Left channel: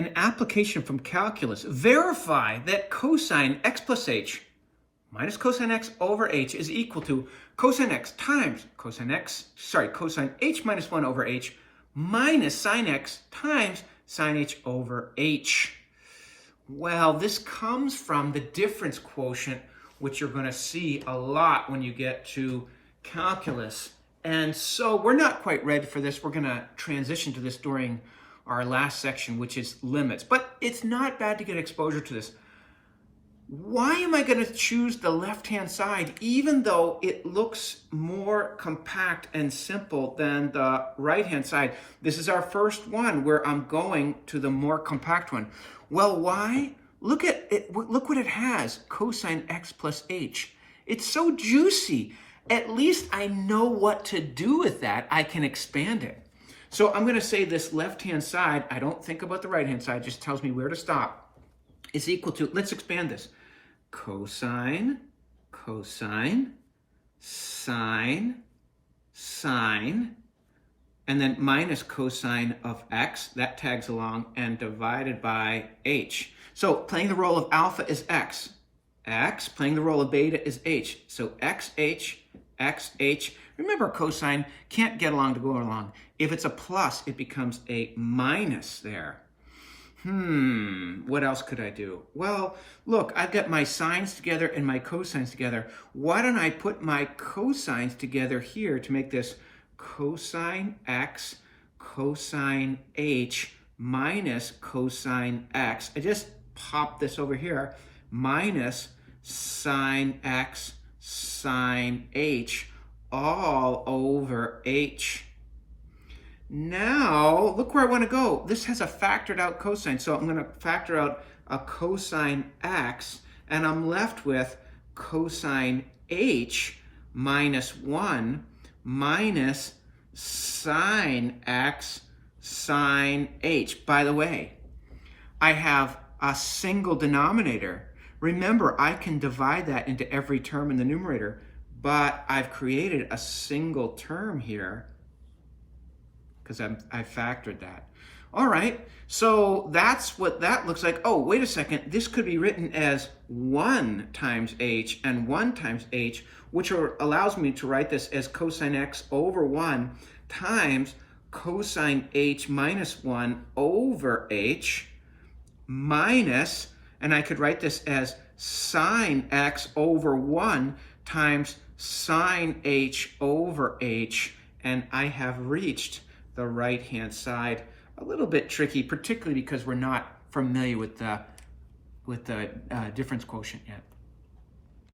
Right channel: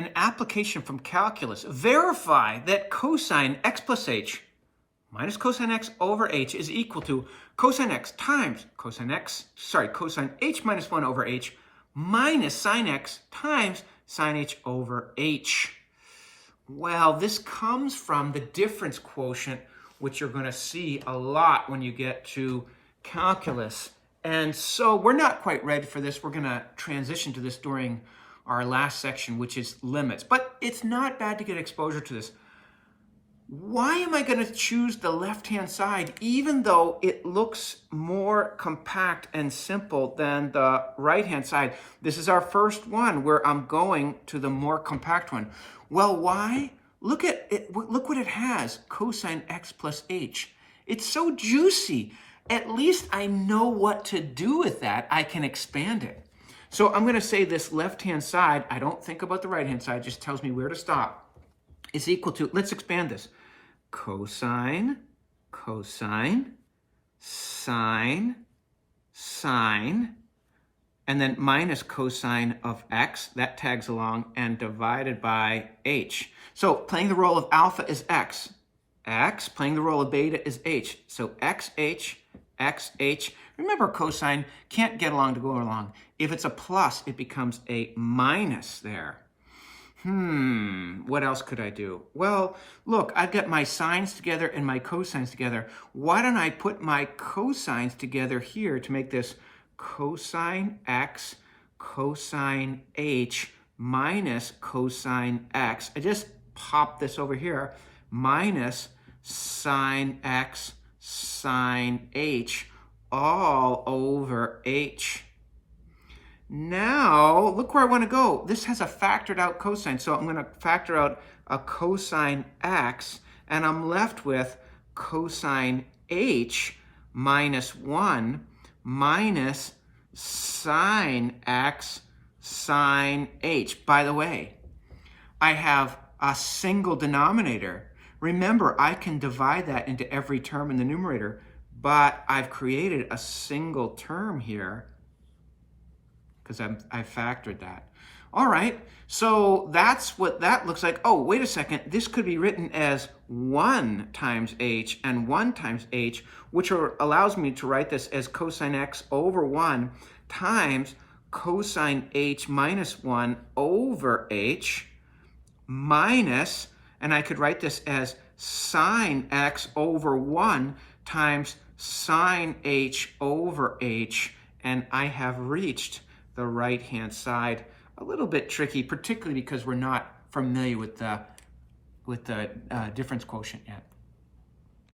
an application from calculus. Verify that cosine x plus h minus cosine x over h is equal to cosine x times cosine h minus 1 over h minus sine x times sine h over h. Well, this comes from the difference quotient, which you're going to see a lot when you get to calculus. And so we're not quite ready for this. We're going to transition to this during our last section, which is limits. But it's not bad to get exposure to this. Why am I going to choose the left-hand side, even though it looks more compact and simple than the right-hand side? This is our first one where I'm going to the more compact one. Well, why? Look at it. Look what it has, cosine x plus h. It's so juicy. At least I know what to do with that. I can expand it. So I'm going to say this left-hand side, I don't think about the right-hand side, just tells me where to stop, is equal to, let's expand this, cosine, sine, and then minus cosine of x, that tags along, and divided by h. So playing the role of alpha is x. Playing the role of beta is h. So xh. Remember, cosine can't get along to go along. If it's a plus, it becomes a minus there. What else could I do? Well, look, I've got my sines together and my cosines together. Why don't I put my cosines together here to make this cosine x, cosine h, minus cosine x. I just pop this over here, minus sine x, sine h, all over h. Now, look where I want to go. This has a factored out cosine, so I'm going to factor out a cosine x, and I'm left with cosine h minus 1 minus sine x sine h. By the way, I have a single denominator. Remember, I can divide that into every term in the numerator, but I've created a single term here because I factored that. All right, so that's what that looks like. Oh, wait a second. This could be written as 1 times h and 1 times h, which allows me to write this as cosine x over 1 times cosine h minus 1 over h minus, and I could write this as sine x over 1 times sine h over h, and I have reached the right-hand side. A little bit tricky, particularly because we're not familiar with the difference quotient yet.